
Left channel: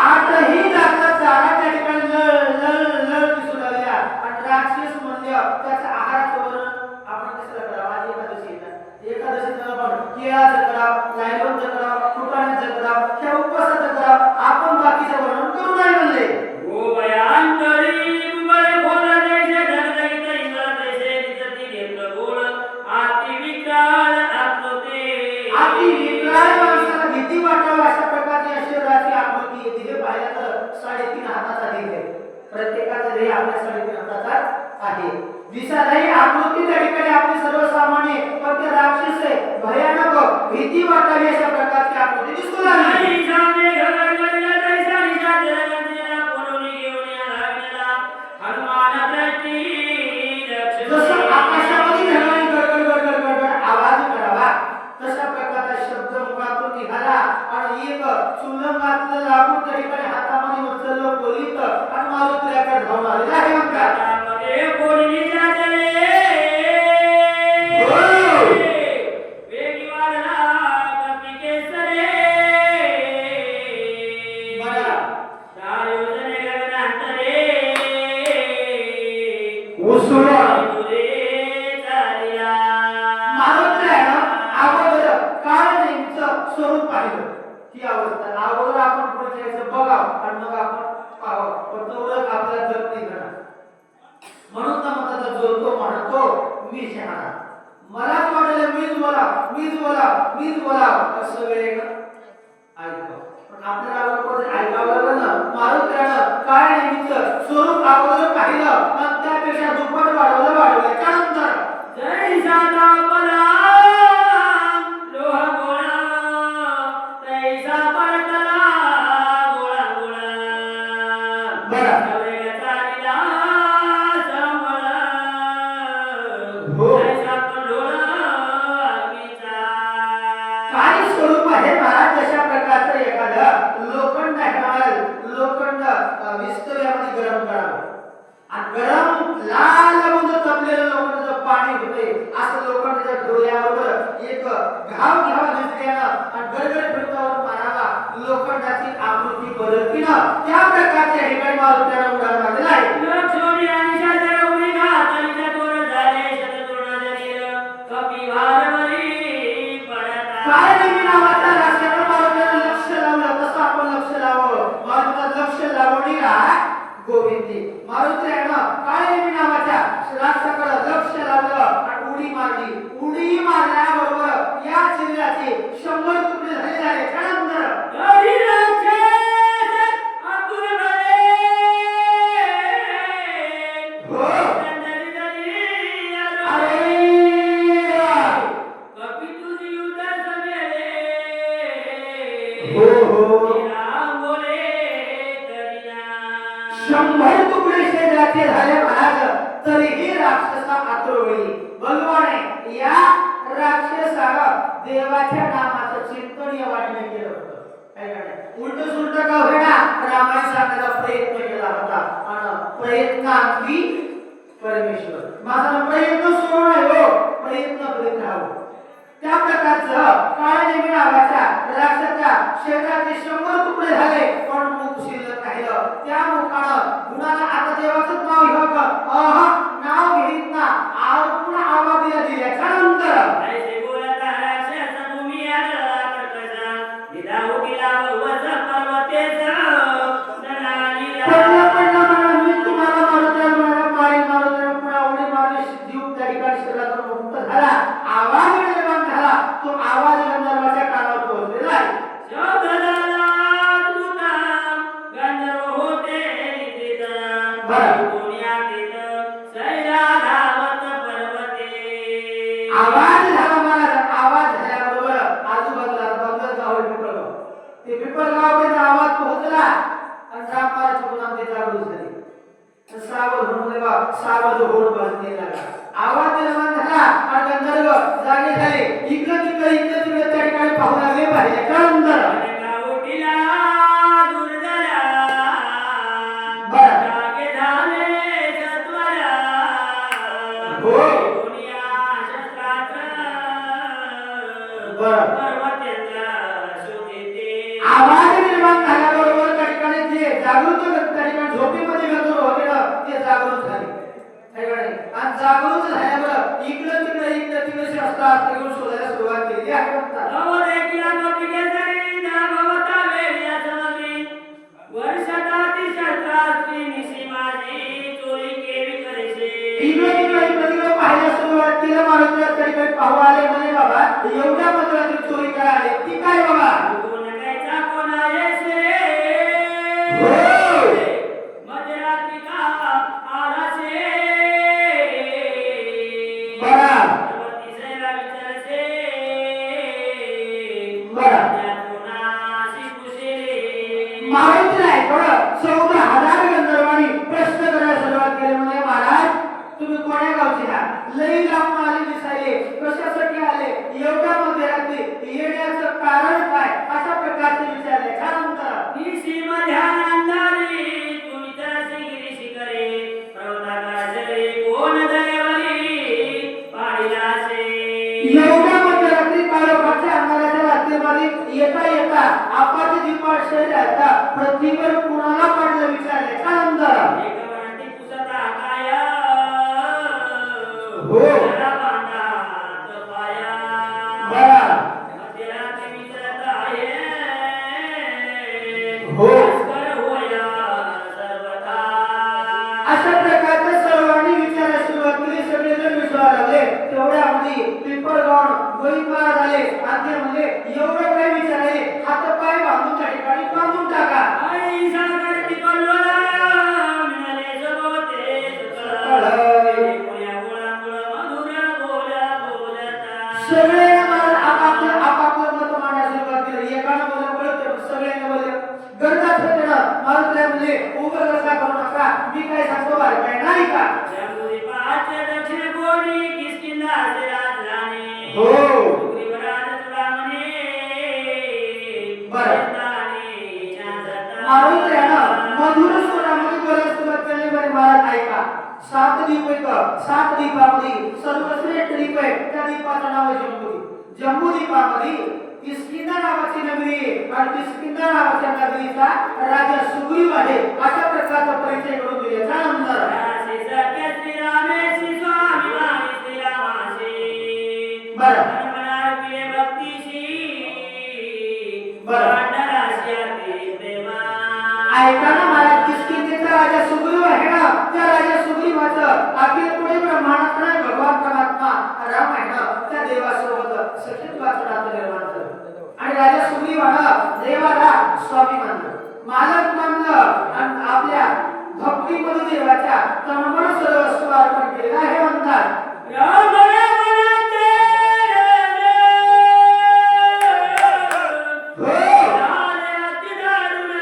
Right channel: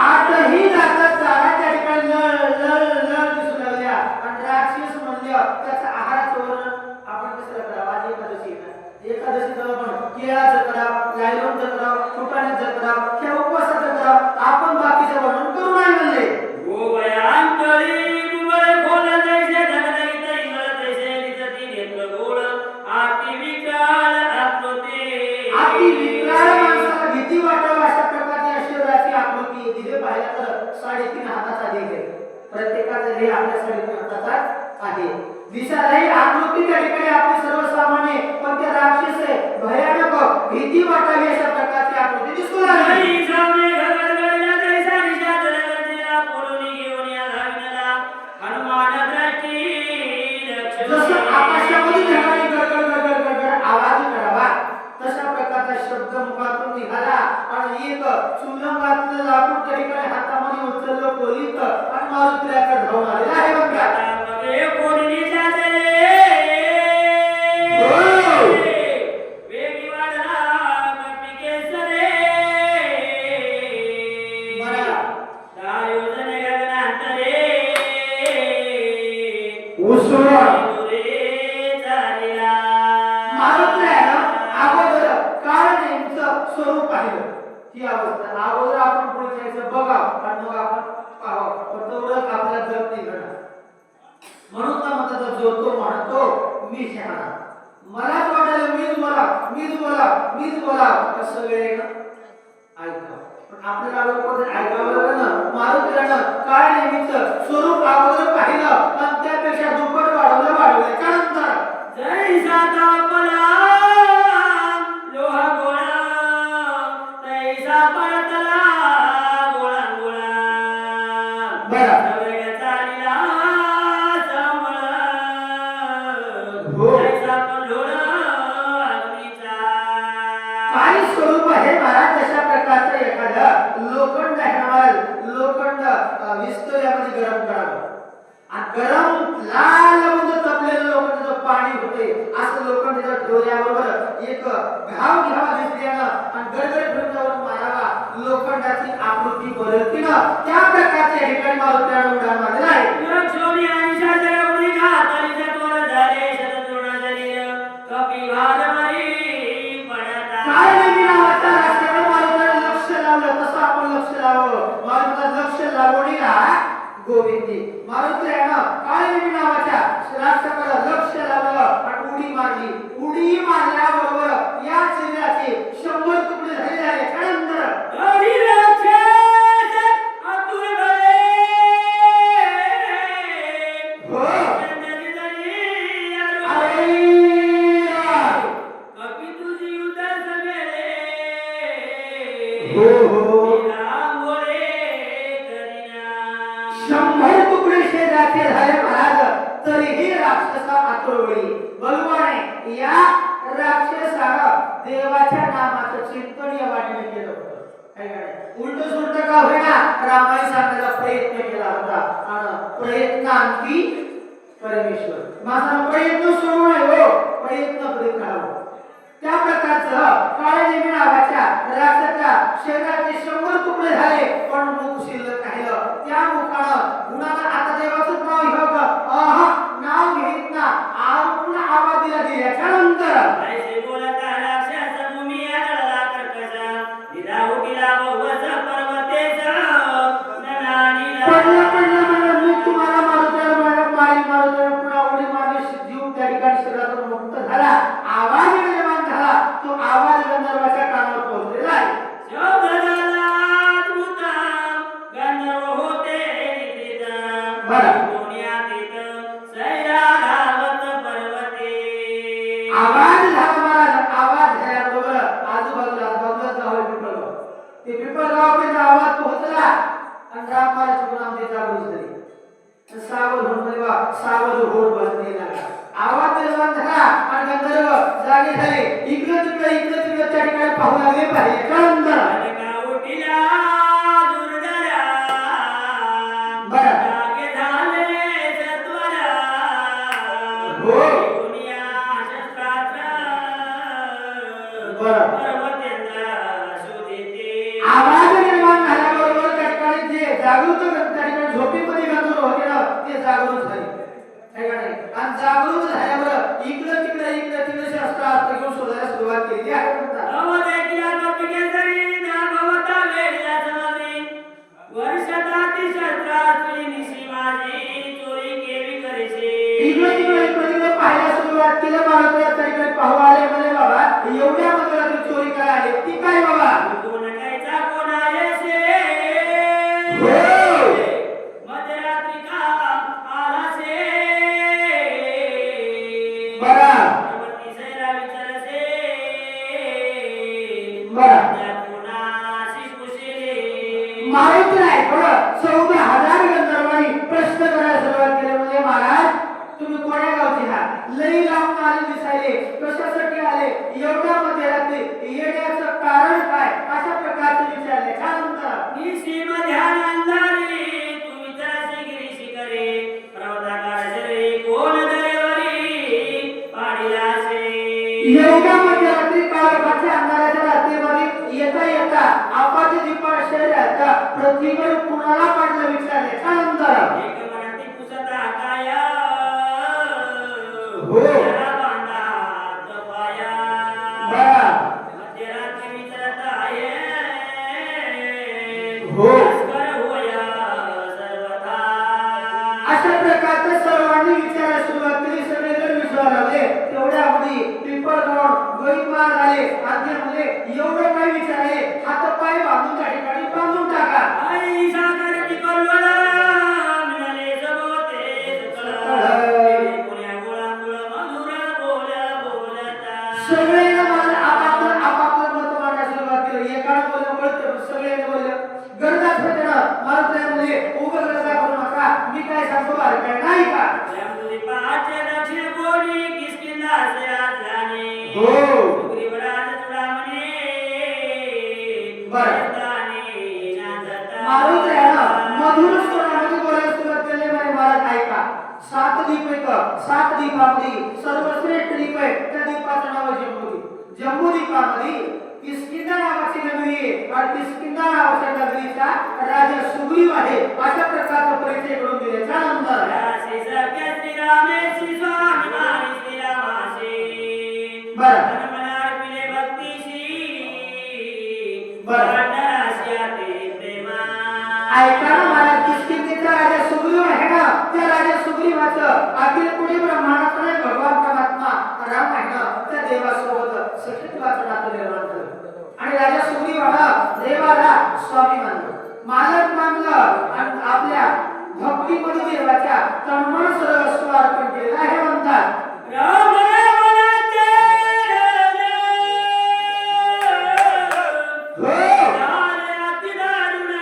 आठही जातात चारा त्या ठिकाणी लळ दिसू लागल्या आणि राक्षस म्हणलं त्याचा आहाराचं वर्ण आपण कसं करावं. आज एकादशी आहे ना, एकादशीचं आपण केळाचं करावं, लायलोनचं करावं, फुटाण्याचं करावं, त्या उपवासाचं करावं. आपण बाकीचं वर्णन करू नाही म्हणले. ओ भयांतरी उभय खोला जैसे धगधगित इंद्र तैसे दिसती नेत्र गोळ. आती विकराळ आकृती. आपली विकराळ माणसाला भीती वाटावी अशा प्रकारची शरीराची आकृती. दिवे पाहिलं तर 3.5 हाताचा देह आहे. प्रत्येकाचा देह आपल्या 3.5 हाताचा आहे. दिसायलाही आकृती त्या ठिकाणी आपली सर्वसामान्य, पण ते राक्षस आहे, भयानक, भीती वाटावी अशा प्रकारची आकृती दिसू लागली. आणि सामने घरगडला तैसा निशा जलगर्जेला कोलोनी घेऊन या लागला. हनुमान दृष्टी जसं रक्षक. आकाशामधून ढगाने गडगड आवाज करावा तशा प्रकारचा शब्द मुखातून निघाला आणि एक चुलंगातलं लाकूड त्या ठिकाणी हातामध्ये उचललं कोलीत आणि मारुतीकडे धावून आलेला आहे बघा. हातामध्ये कोणी जाते. वेगी वाढला कपी केसरे. बरं. दायोजने गगनांतरे. उसळा पुरे चालिला. मारुतीला अगोदर काय नेमचं स्वरूप पाहिलं ही अवस्था. अगोदर आपण पुढे जायचं बघावं आणि मग आपण पाहावं. पण तेवढं आपल्याला जग नाही घडणार. म्हणून ना म्हणतात जो तो म्हणतो मी शहाणा. मलाच वाटलं मीच बोला असं वेळ ऐकावं. पण आपल्याला अगोदर ऐकावं लागलं ना. मारुतीनं काय नेमचं स्वरूप अगोदर पाहिलं आणि त्यापेक्षा दुप्पट वाढवलं. त्यानंतर जैसा तापला लोह गोळा. तैसा परतला गोळा गोळा. बरं. सवरेगा चालिला समळ. हो. तैसा पंढोळ अग्नीचा. काही स्वरूप आहे महाराज तशा प्रकारचं एखादं लोखंड आहे. लोखंड विस्तव्यामध्ये गरम करावं आणि गरम लाल म्हणजे तपलेलं लोखंडाचं पाणी होते. असं लोखंडाच्या डोळ्याबरोबर एक घाव घ्यावा घेतल्यानं आणि गडगड फिरतावर मारावा. लोखंडाची आकृती बदलतीनं त्या प्रकारच्या ठिकाणी मारुतीला उडान मारलेला आहे. लक्ष्मी आणि शास्त्रगौरी घातलीच्या तोरण झाले शततोरण शरीर. कपिवारवरी पडता. काय नाही नावाचा राष्ट्राला मारुतीला लक्ष लावलं. तसं आपण लक्ष लावावं. मारुतीला लक्ष लावणीला गोविंदी. मारुतीनं काळेनी नावाच्या राष्ट्राकडे लक्ष लावलं आणि उडी मारली. उडी मारल्याबरोबर या शरीराचे 100 तुकडे झाले. त्यानंतर हरी राक्षस अतुल भये. हो चंदनी जरी आरो. अरे कपी तुझी उदर समेरे. हो राम बोले करीना. 100 तुकडे शरीराचे झाले महाराज. तरीही राक्षसा आतुरवळी भगवाने या राक्षसाला देवाच्या नामाचं चिंतनीय वाटणे केलं होतं. उलट सुलट का होईना रामायण सांगण्याचा प्रयत्न केला होता आणि प्रयत्नांती परमेश्वर. माझा प्रयत्न सुरू आहे हो. प्रयत्न करीत राहावं. त्या प्रकारचं काळनेमी नावाच्या राक्षसाच्या शरीराचे 100 तुकडे झाले पण मुख शिल्लक राहिलं. त्या मुखानं गुणाला आता देवाचं नाव घेऊ का नाव घेत ना पुन्हा आवाज दिला. त्यानंतर ऐसे बोलता राक्षस भूमी आदळला कर्कश. दिला उठिला बहुवच पर्वतेचा. ननानीला. पडलं मला मी तुम्हाला मारुतीला पुन्हा उडी मारली. जीव त्या ठिकाणी शरीरातून मुक्त झाला. आवाज निर्माण झाला. तो आवाज गंधर्वाच्या कानावर पोहोचलेला आहे. शब्द झाला द्रुत. गंधर्व होते निद्रित. बरं. दुनियातीत सैरा धावत पर्वते. आवाज झाला महाराज. आवाज झाल्याबरोबर आजूबाजूला गाव पिपळगाव. ते पिपळगावापर्यंत आवाज पोहोचला आणि राम महाराज पुन्हा ते जागृत झाले. सागर म्हणले वा सागर घोड बसले लागला. आवाज निर्माण झाला आणि गंधर्व जागे झाले. इकडे तिकडे त्या ठिकाणी पाहू लागले. पाहिले त्यानंतर अनका उठिला दुर्धरा. बरं. जागे झाले सत्वरा. हो. दुनिया शस्त्रास्त्र. बरं. ठिकाणी पाहू आले म्हणे बाबा एवढ्या मंदिरातून चोरी काय आली ती काय बाबा कोण कायचा कोण आयसे हो मध्यरात्री का आलासे बरा भगवती सैरा विचारसे बरा त्यात कोणाशी कुशले माहित नाही पण 14,000 गंधर्वांनी प्रश्न करायला सुरुवात केली म्हणजे महाराज तुम्ही कोण्या गावचे आहात लई लांब आले दिसायले कशासाठी आले एवढ्या मंदिरातले येण्याचं कारण काय अशा प्रकारचे विचारले त्यानंतर निशी ध्यान अंधारी तू विचारसे गिरीशी करे पर्वताकार जरे कोण दरेवरी पाडिलासे एवढ्या मंदिरातली काळोखाच्या अंधाराच्या रात्रीमध्ये येता येता आपाचे दीपाळ शरीराचा पृथ्वीवर कुणाला पडलं विचारले त्यानंतर एक मनाती पुसता काय हो जरा बांधात पाया बरा मध्यरात्री विचारत आहे हो कर होया सर्वथा अशा प्रकारचे सर्वांनी विचारायला सुरुवात केली सगळेजण विचारू लागले तेवढ्यामध्ये पिंपळगाव गोळीबार झाले आणि म्हणजे एवढं काही विचारले हात पाय बांधून त्या ठिकाणी बांधून टाका आई सागर तिकडला मिळाले जगवते सकळ कोण्या गोळा मधुरा बोला बोलता सगळे आपापलं मत मांडायला सुरुवात केली एकानं बोललं कळतं सगळ्यांनी बोलले गरजा फेकणं मला त्या म्हणजे उभं गरजा करू नका मी काय सांगतो अरे काय नाही का जंबुरी पाचे दक्षिण कोणी किसकिंदा असे राजधानी हो डोंगरीवराज चुडामणी बरं. तानी नाचता मारून त्यानं मधुर स्वरामध्ये बोलायला सुरुवात केली म्हणे महाराज ऐका 7 दीप आहेत 7 दीपामध्ये सर्वश्रेष्ठ दीप आहे त्या दीपाचं नाव आहे जम्बू जम्बूद्वीपामध्ये किष्किंधा नावाची नगरी आहे आणि किष्किंधा नावाच्या नगरीचा राजा सुग्रीव आहे अशा प्रकारचा परिचय करून दिले त्यानंतर राशी सख्य श्रीरामेशी स्वाभिमानी श्रीरामाशी बरं मनमनार पिले भक्तीशी बरं. पांडराशी आते प्रेमा ऐका ना महाराज किष्किंधेचा राजा सुग्रीव आहे ना त्या राजा सुग्रीवाचं अखिल पुढे ब्रह्मांडात नाही भगवान परमात्मा राम आहे ना त्या देवासोबत सखीत्वाचं नातं निर्माण झालं आणि राजा सुग्रीव हा देवाला स्वामी मानलं मालक मानलं आणि आपल्या भक्तीमध्ये देवाच्या तन्मन सर्वस्व अर्पण केलेलं आहे म्हणतात राम रामनाथे हो राले अति दारुण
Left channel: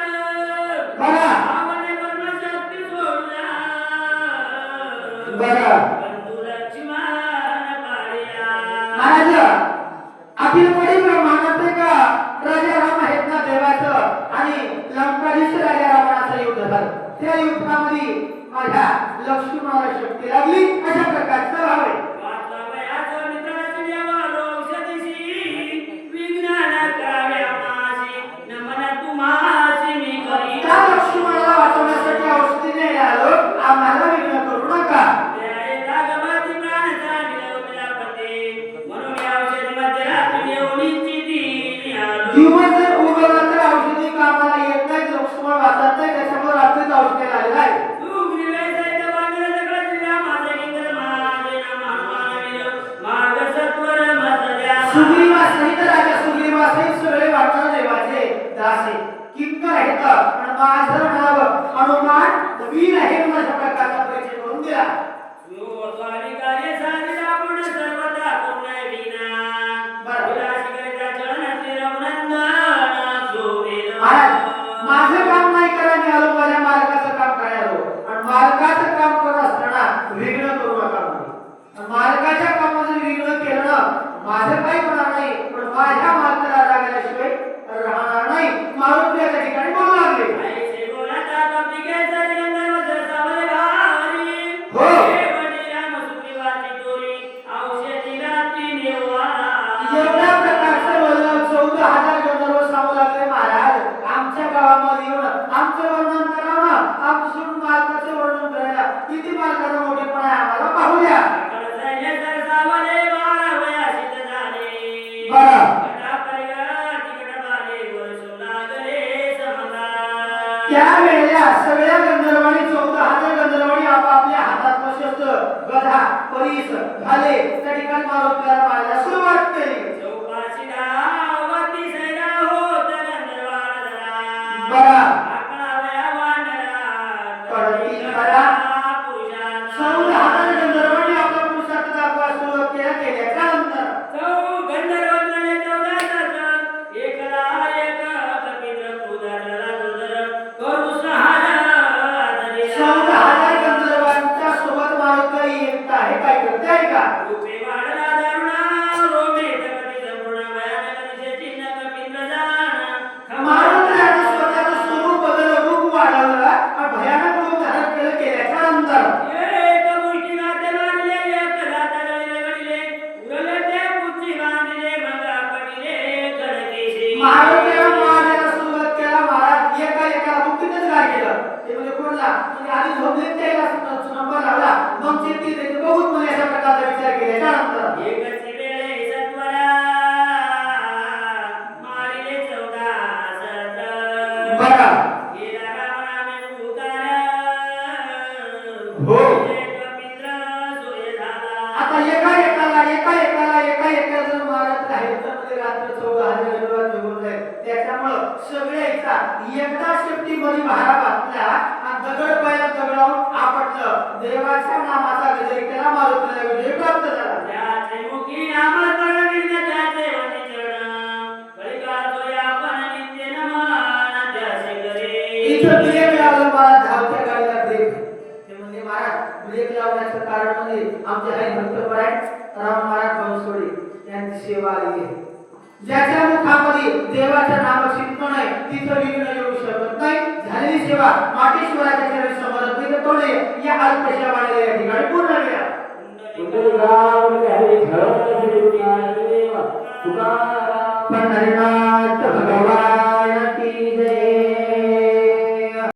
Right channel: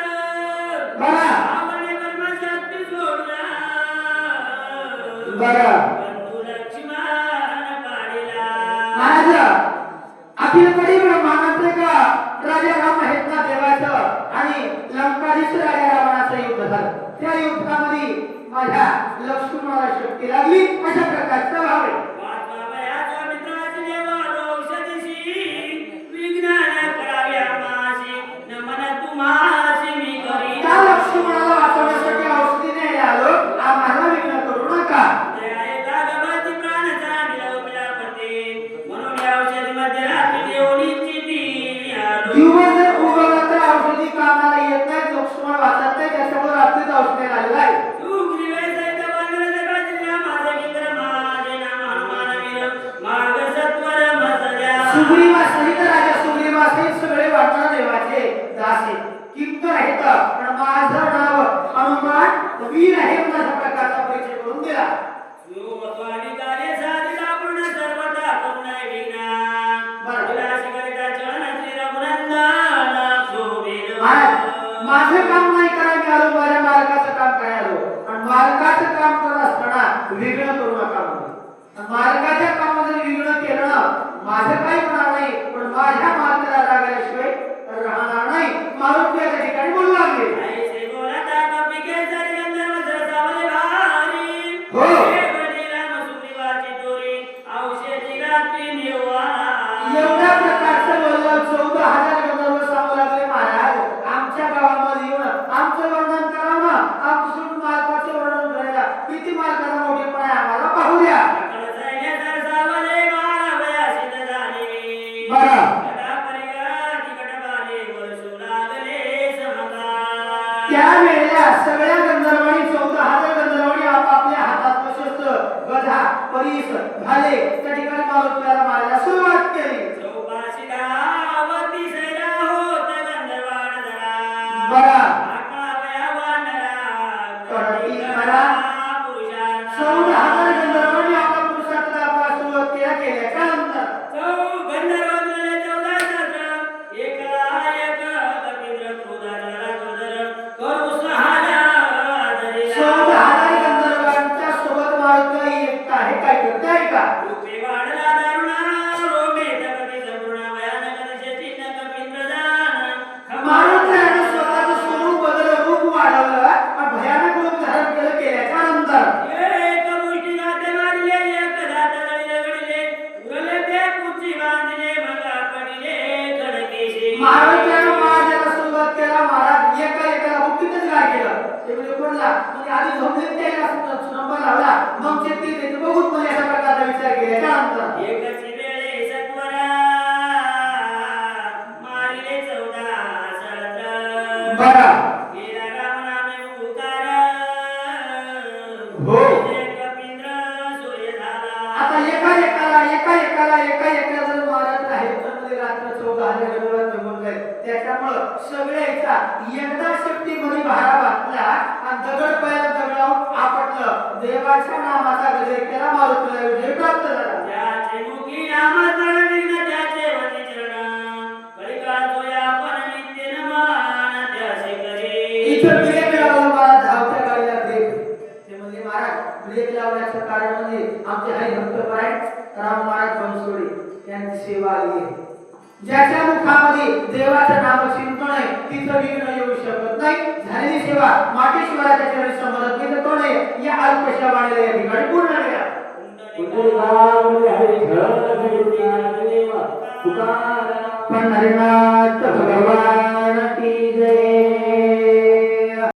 बघा रावणे कर्मशक्ती सोडला बघा बंधू लक्ष्मण पाडिला महाराज अखिल पडी ब्रह्मांडात का राजा राम आहेत ना देवाचं आणि लंकाधीश राजा रावणाचं युद्ध झालं त्या युद्धामध्ये माझ्या लक्ष्मणाला शक्ती लागली अशा प्रकारचं भाव आहे वाचवयाचो मित्राची देवालो औषधीशी विज्ञान कराव्या माशी नमन तुम्हाशी मी करी त्या लक्ष्मणाला वाचवण्यासाठी औषधी नाही आलो आम्हाला विघ्न करू नका त्या एका गमाती प्राणाचा मिळवला पते म्हणून या औषधी मध्यरात्री येऊन इच्छिती आलो दिवस जर उगवला तर औषधी कामाला येत नाही लक्ष्मण वाचत नाही त्याच्यामुळे रात्रीच औषधी आलेलं आहे सुग्रीवे सैत वानर सगळा जिल्हा माझे इंद्र माझे नाम हनुमान वीर मार्ग सत्वर मजल्या सुग्रीवासहित राजा सुग्रीवासहित सगळे वाटण देवाचे दास आहेत किंकर आहेत पण माझं नाव हनुमान वीर आहे म्हणून अशा प्रकारचा परिचय करून दिला यो स्वामी कार्य साधिता पूर्ण सर्वदा करुणा विघ्ना विलासी करिता चरण श्री रघुनंदन शोभेन महाराज माझं काम नाही करा मी आलो माझ्या मालकाचं काम करायलो आणि मालकाचं काम करत असताना विघ्न करू नका म्हणून मालकाच्या कामात जर विघ्न केलं ना माझं काही होणार नाही पण माझ्या मालकाला रागाल्याशिवाय राहणार नाही मारुती या ठिकाणी बोलू लागले ऐसे बोलाता कपिके सर गंधर्व सरसावले भारी हो. हे बने राम सुग्रीवाची चोरी औषधी रात्री निवारा एवढ्या प्रकारचं बोललं 14,000 गंधर्व सांगू लागले महाराज आमच्या गावामध्ये येऊन आमचं वर्णन करावं ना आमचं मालकाचं वर्णन करायला किती मालकाचं मोठेपण आहे आम्हाला पाहू द्या सकळ सैन्य सरसावले बाळावया सिद्ध झाले बरं गटापरिगा तिकटबाले वर्षू लागले समगा त्यावेळेला सगळ्या गंधर्वांनी 14,000 गंधर्वांनी आपापल्या हातात शस्त्र गदा परीस घाले त्या ठिकाणी मारुतीला त्यामुळं सगळ्याचा एकदा शेपटीमध्ये भारा घातला आणि दगड पहिला दगडावर आपटलं. देवाच्या नामाचा विजय केला, मारुतीला विजय प्राप्त झाला. त्याचे मुखी नामस्मरण विघ्न त्याचे वती चरण. कलिकाल या पण नित्य नमन त्याचे करे. इथं ब्रेक लावला मला धावत्या गाडीला ब्रेक. ते म्हणजे महाराज ब्रेक लावण्याचं कारण म्हणजे आमचे काही भक्त परायण राम महाराज बनसोडे यांची सेवा आली आहे. ज्याच्या मुखामध्ये देवाचं नाम चिंतन आहे तिथं विघ्न येऊ शकत नाही. झालेली सेवा माटेश्वराच्या चरण समोर तिथं कोण आहे या अल्पशा वाढलेल्या या ठिकाणी पूर्ण करा. पंढरीनाथ भगवान